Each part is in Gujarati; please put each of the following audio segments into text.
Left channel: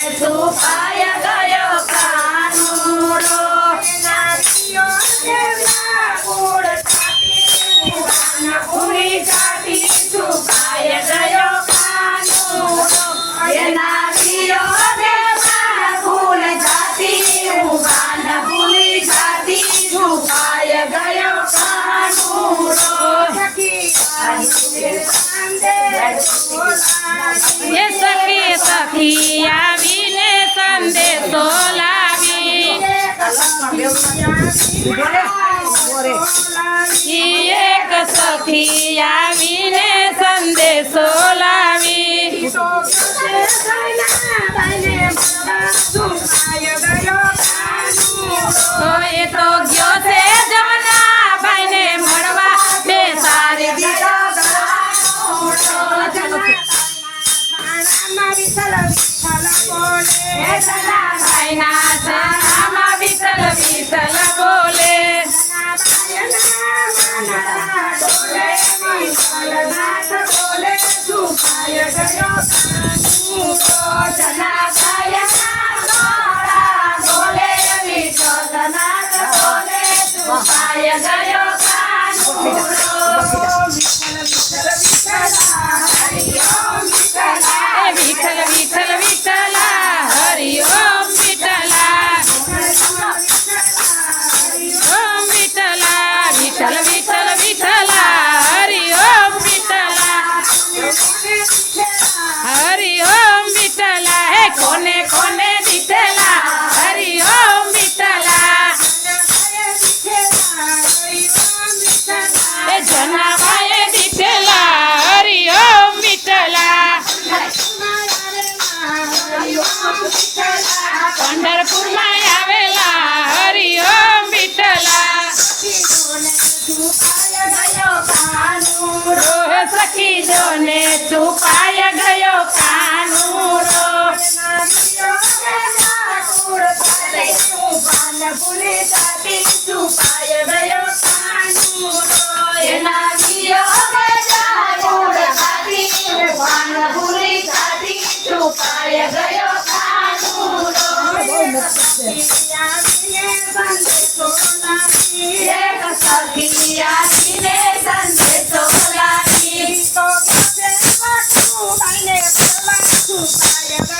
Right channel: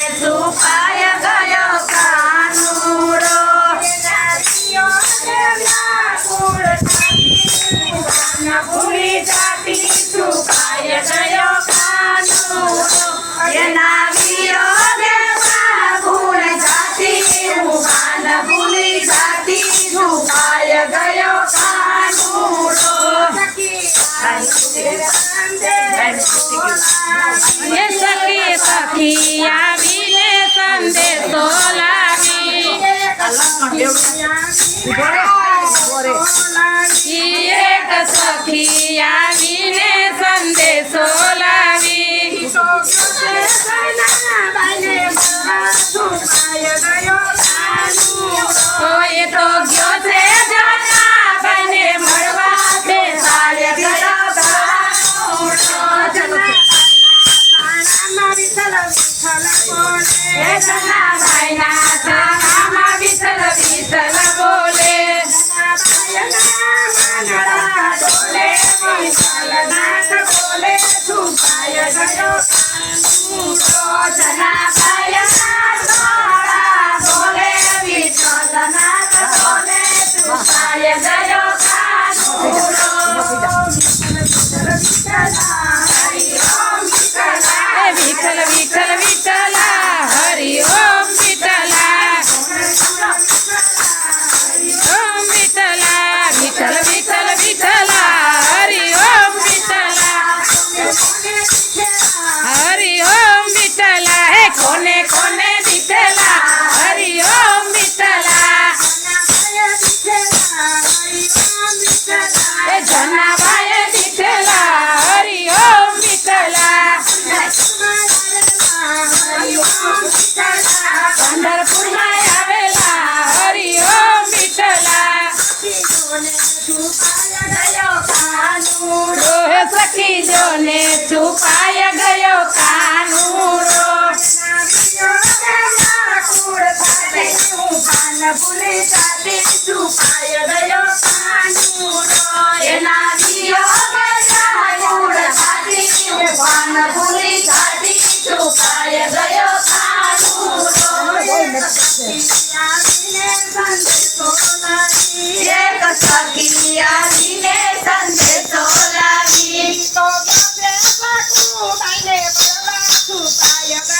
Jesus એક સખી આવીને સંદેશો લાવી. એ તો Nanaka kole tu paya મીંડો ને છુપાય ગયો કાનુરો. ભૂલી જાતી છુપાય ગયો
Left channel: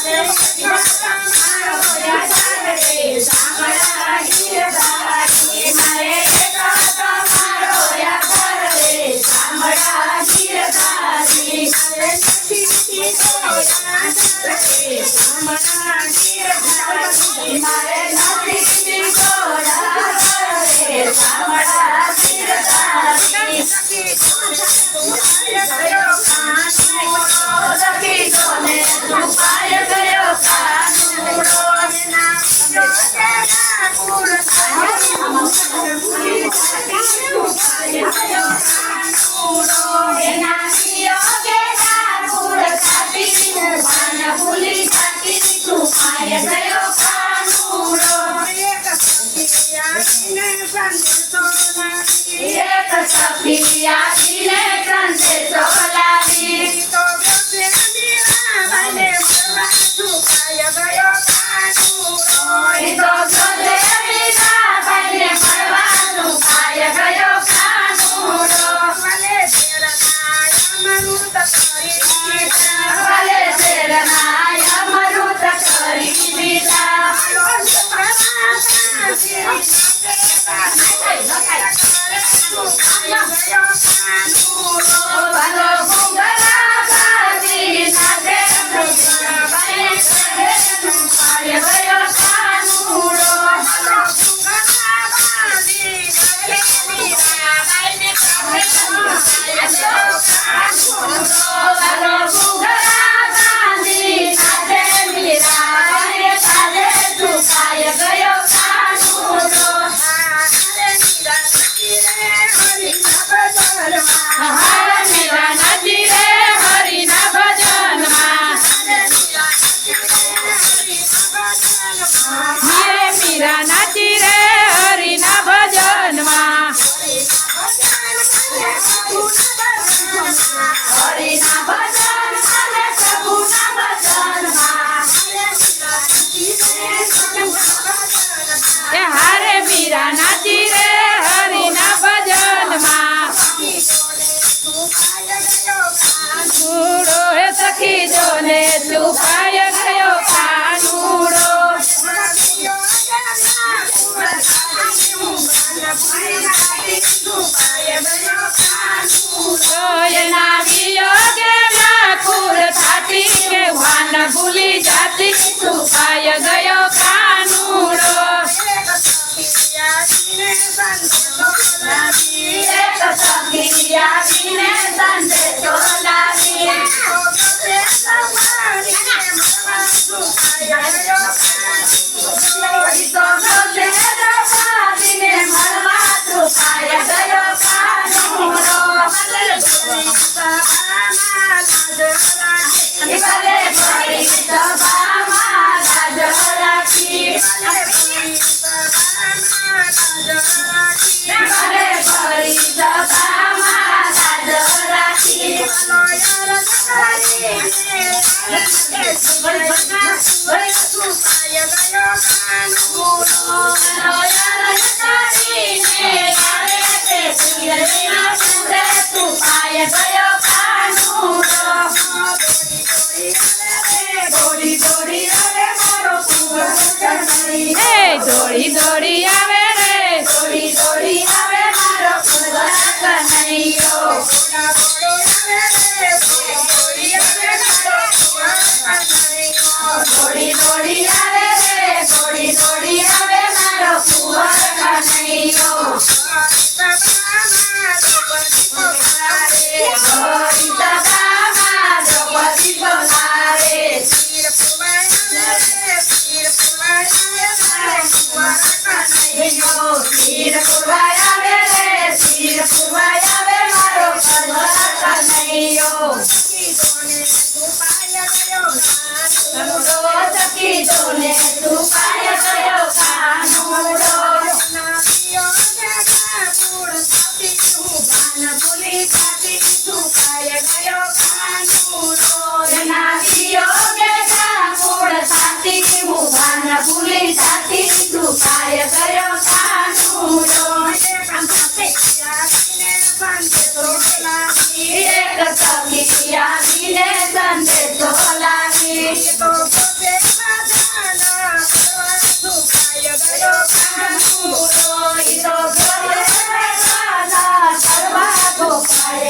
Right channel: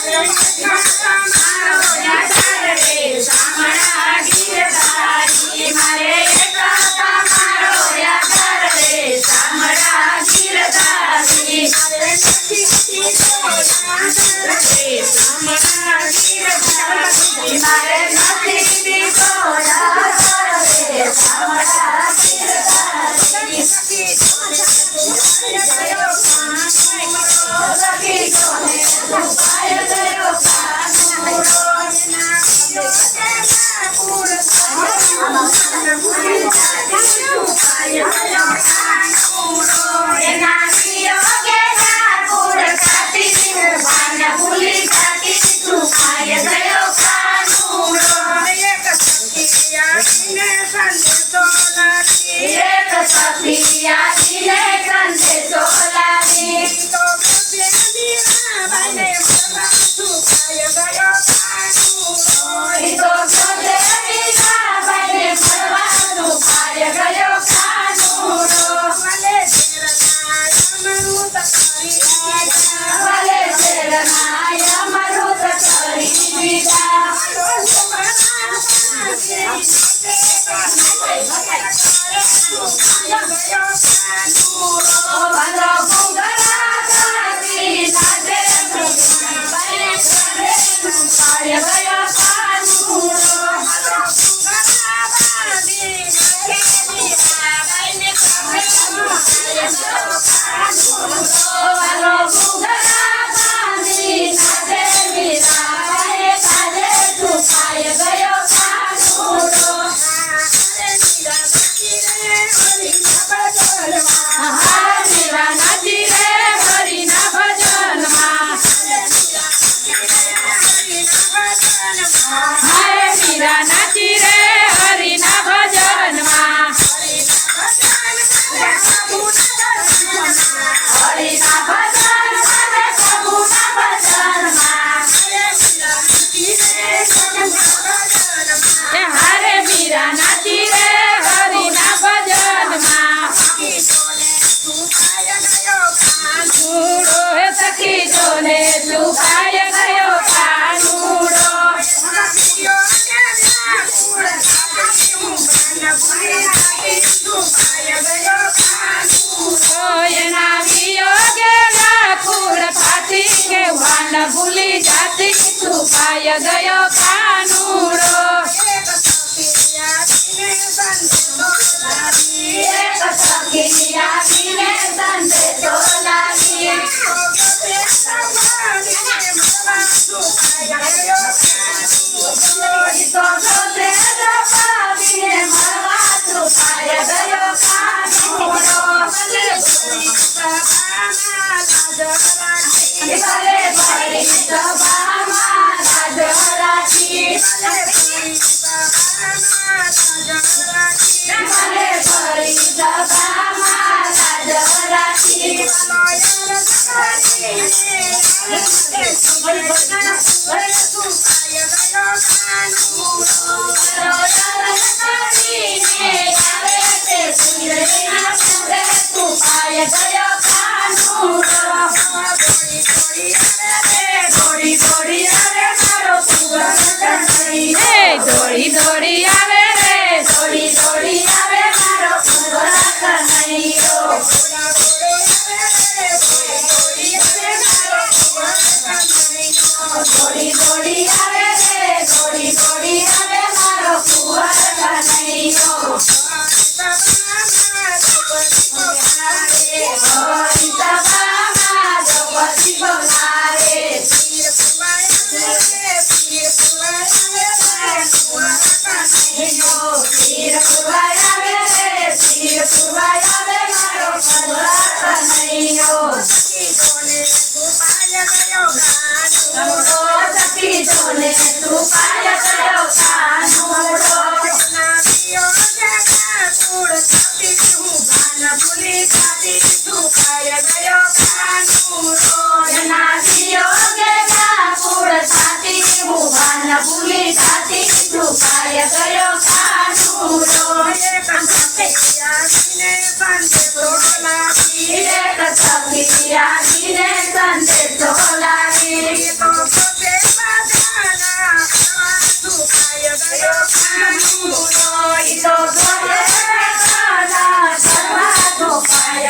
Yeah. Pai, Mare Milanati. ભૂલી જાતી છુપાય ગયો કાનુડો. Let's go.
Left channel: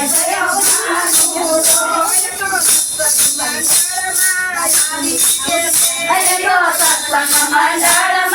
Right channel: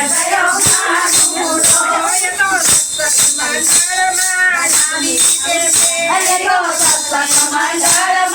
i know i'm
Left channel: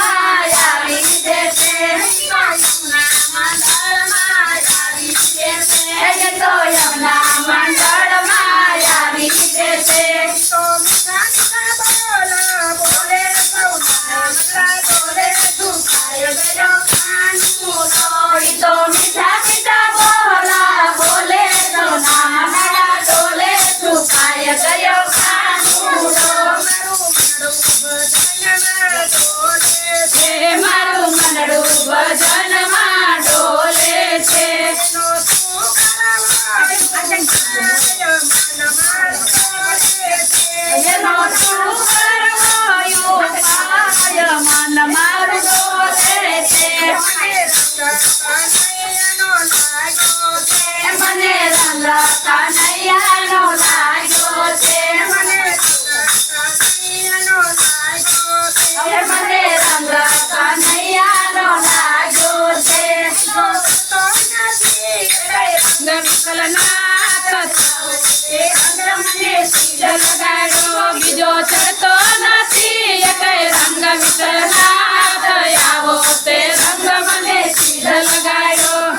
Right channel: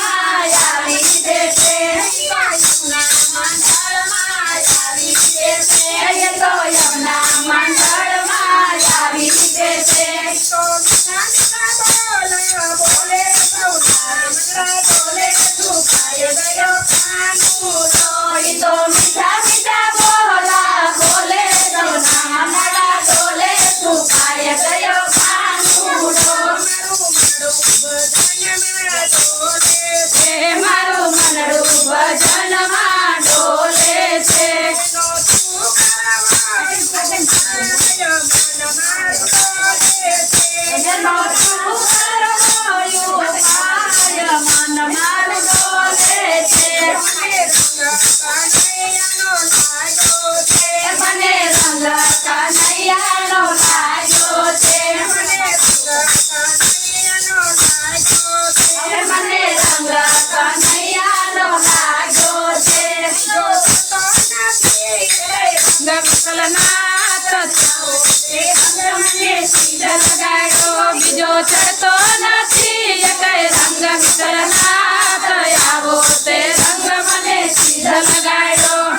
કલના એ અંગ્ર મને સીધા લગાડ્યો બીજો ચડતો નથી. એકય રંગ વિતરના થયાવો તે રંગ મને સીધા લગાડ્યો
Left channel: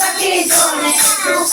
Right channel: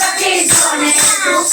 સખી જોને તું